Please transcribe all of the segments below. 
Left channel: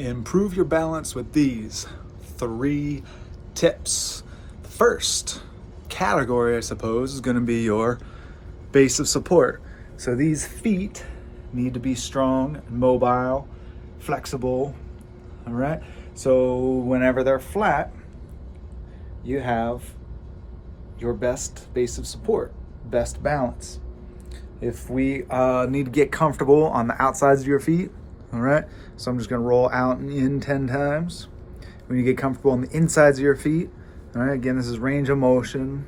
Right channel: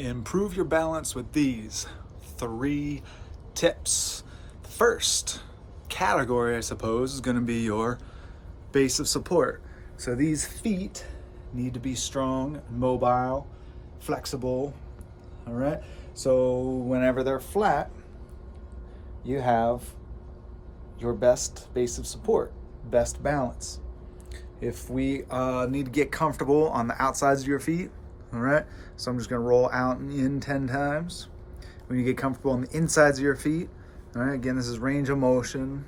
Improve your balance with these 3 tips. The first category, I suppose, is going to be your base of support. So these feet need to be strong, mobile, flexible, all right? So whenever they're flat, you have your best base of support, best balance. If we need to get comfortable on the outsides of your feet, all right? So I'm just gonna roll out and in 10 times. When you get comfortable on the insides of your feet, all right, again, this is range of motion.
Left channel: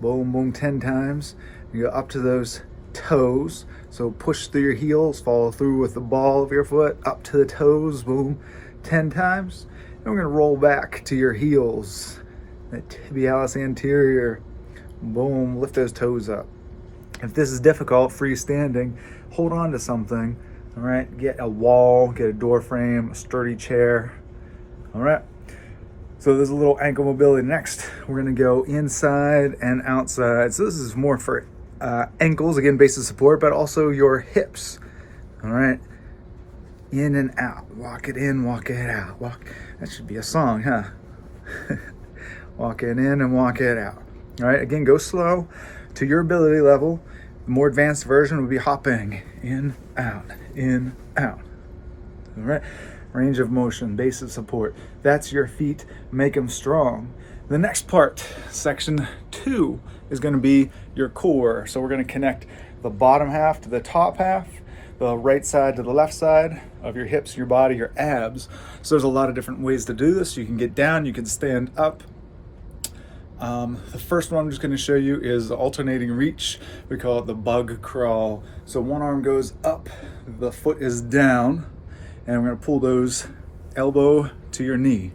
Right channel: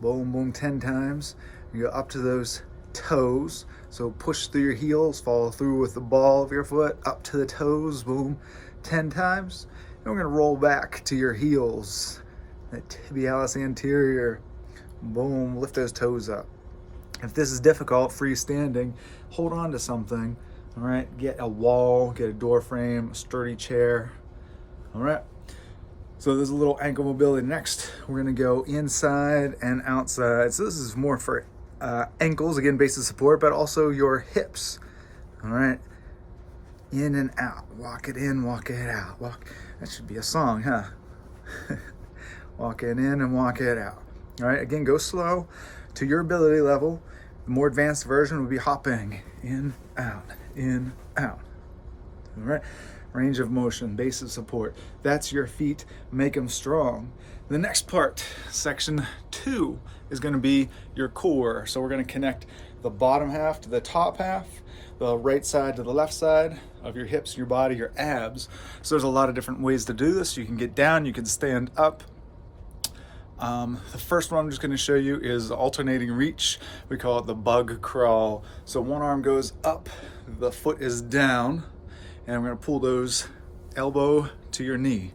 Boom, boom, 10 times. You go up to those toes. So push through your heels, follow through with the ball of your foot, up to the toes, boom, 10 times. And we're gonna roll back to your heels, that tibialis anterior, boom, lift those toes up. If this is difficult, freestanding, hold on to something, all right? Get a wall, get a door frame, a sturdy chair, all right? So there's a little ankle mobility. Next, we're gonna go inside and outside. So this is more for ankles, again, base of support, but also your hips, all right? In and out, walk it in, walk it out. That should be a song, huh? Walk it in and walk it out. All right, again, go slow to your ability level. The more advanced version would be hopping in, out, in, out. All right, range of motion, base of support. That's your feet, make them strong. The next part, section 2, is gonna be your core. So we're gonna connect the bottom half to the top half, the right side to the left side of your hips, your body, your abs. So there's a lot of different ways to do this. You can get down, you can stand up. The first one I'm just gonna show you is alternating reach. We call it the bug crawl. So one arm goes up, the foot is down, and we're gonna pull those elbow to your knee.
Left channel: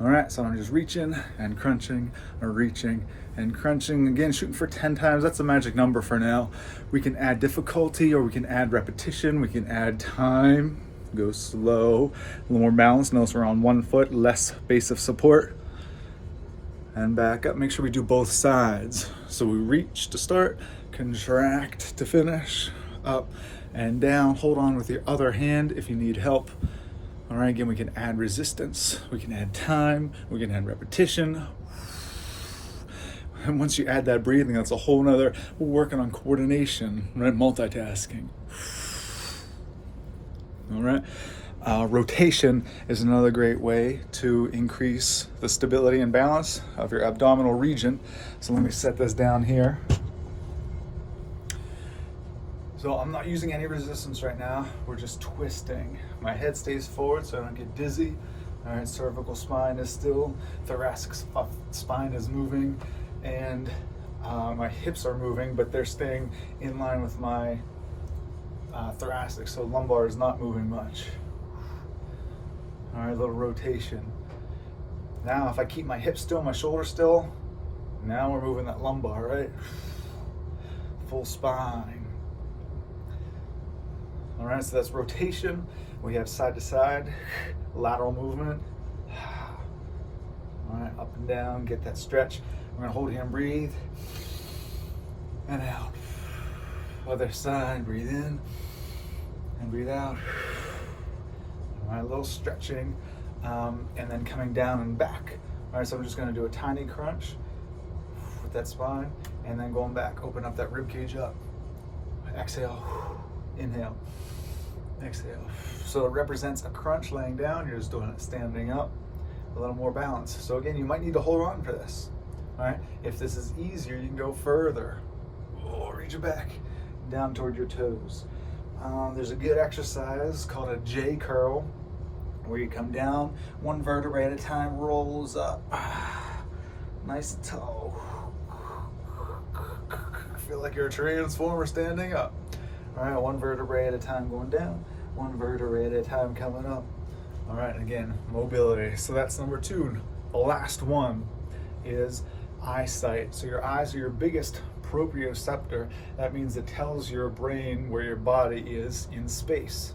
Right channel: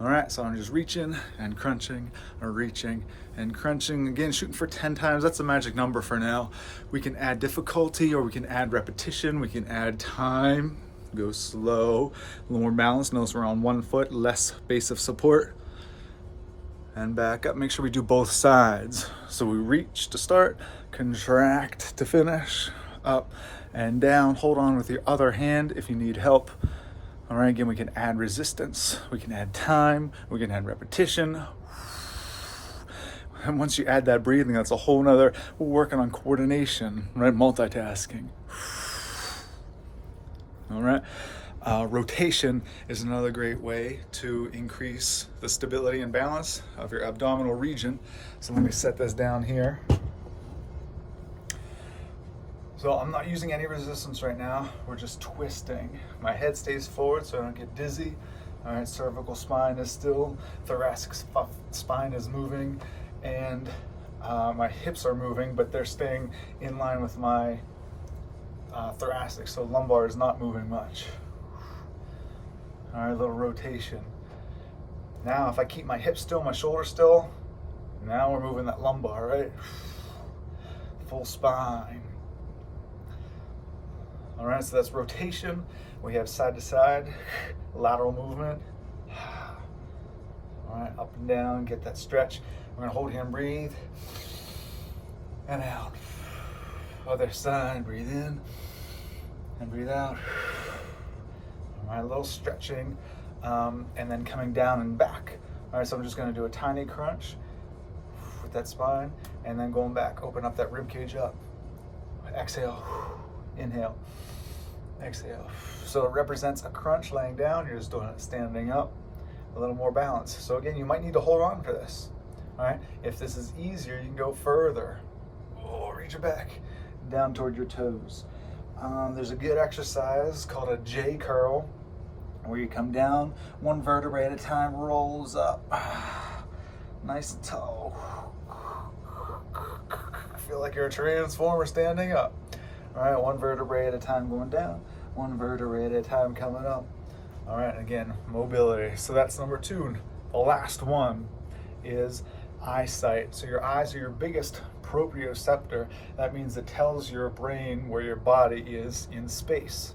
All right, so I'm just reaching and crunching, or reaching and crunching. Again, shooting for 10 times. That's the magic number for now. We can add difficulty, or we can add repetition. We can add time, go slow, a little more balance. Notice we're on one foot, less base of support. And back up, make sure we do both sides. So we reach to start, contract to finish, up and down. Hold on with your other hand if you need help. All right, again, we can add resistance, we can add time, we can add repetition. And once you add that breathing, that's a whole nother, we're working on coordination, right? Multitasking. All right. Rotation is another great way to increase the stability and balance of your abdominal region. So let me set this down here. So I'm not using any resistance right now. We're just twisting. My head stays forward so I don't get dizzy. All right, cervical spine is still, thoracic spine is moving, and my hips are moving, but they're staying in line with my thoracic, so lumbar is not moving much. All right, a little rotation. Now, if I keep my hips still, my shoulders still, now we're moving that lumbar, right? Full spine. All right, so that's rotation. We have side to side, lateral movement. All right, up and down, get that stretch. We're gonna hold here and breathe. And out. Other side, breathe in and breathe out. All right, a little stretching, and then coming down and back. All right, so I'm just gonna do a tiny crunch with that spine, and then going back, open up that rib cage up. Exhale, inhale, exhale. So it represents a crunch laying down, you're just doing it standing up, a little more balance. So again, you might need to hold on for this. All right, if this is easier, you can go further. Oh, reach it back, down toward your toes. There's a good exercise called a J curl, where you come down one vertebrae at a time, rolls up, nice and tall. Feel like you're a transformer standing up. All right, one vertebrae at a time going down, one vertebrae at a time coming up. All right, again, mobility. So that's number 2. The last one is eyesight. So your eyes are your biggest proprioceptor. That means it tells your brain where your body is in space.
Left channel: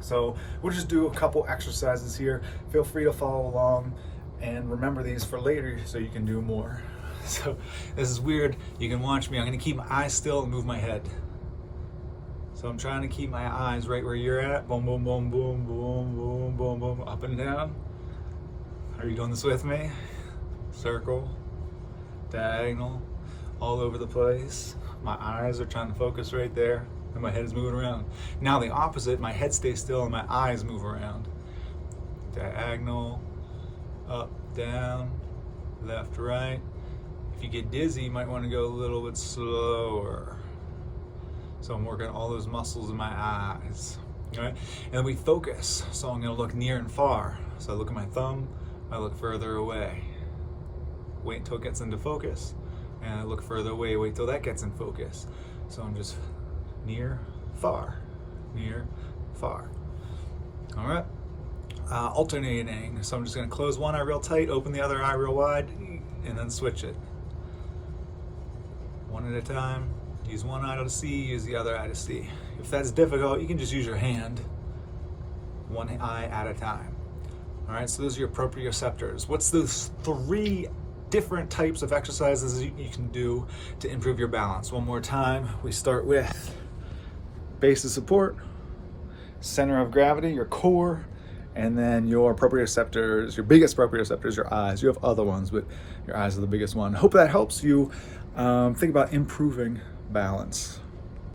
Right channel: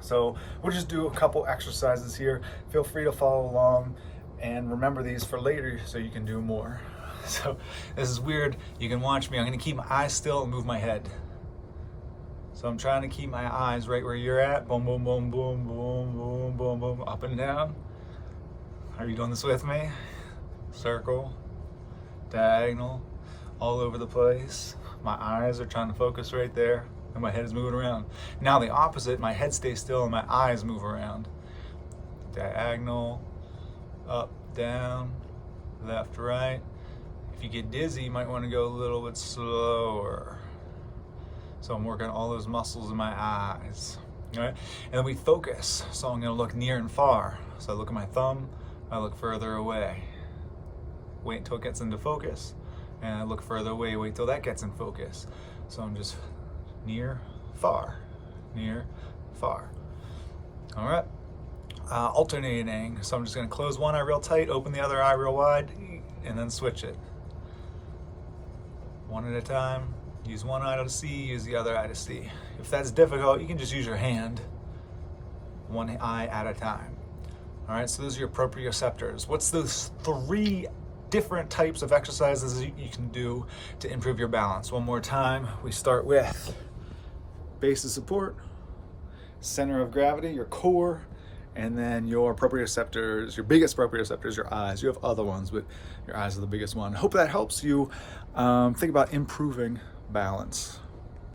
So we'll just do a couple exercises here. Feel free to follow along and remember these for later so you can do more. So this is weird. You can watch me. I'm going to keep my eyes still and move my head. So I'm trying to keep my eyes right where you're at. Boom, boom, boom, boom, boom, boom, boom, boom, up and down. Are you doing this with me? Circle, diagonal, all over the place. My eyes are trying to focus right there, and my head is moving around. Now the opposite, my head stays still and my eyes move around. Diagonal, up, down, left, right. If you get dizzy, you might want to go a little bit slower. So I'm working all those muscles in my eyes. All right? And then we focus. So I'm going to look near and far. So I look at my thumb, I look further away. Wait until it gets into focus. And I look further away, wait till that gets in focus. So I'm just near, far, near, far. All right? Alternating. So I'm just going to close one eye real tight, open the other eye real wide, and then switch it. One at a time. Use one eye to see, use the other eye to see. If that's difficult, you can just use your hand, one eye at a time. All right, so those are your proprioceptors. What's those 3 different types of exercises you can do to improve your balance? One more time, we start with base of support, center of gravity, your core, and then your proprioceptors, your biggest proprioceptors, your eyes. You have other ones, but your eyes are the biggest one. Hope that helps you think about improving balance.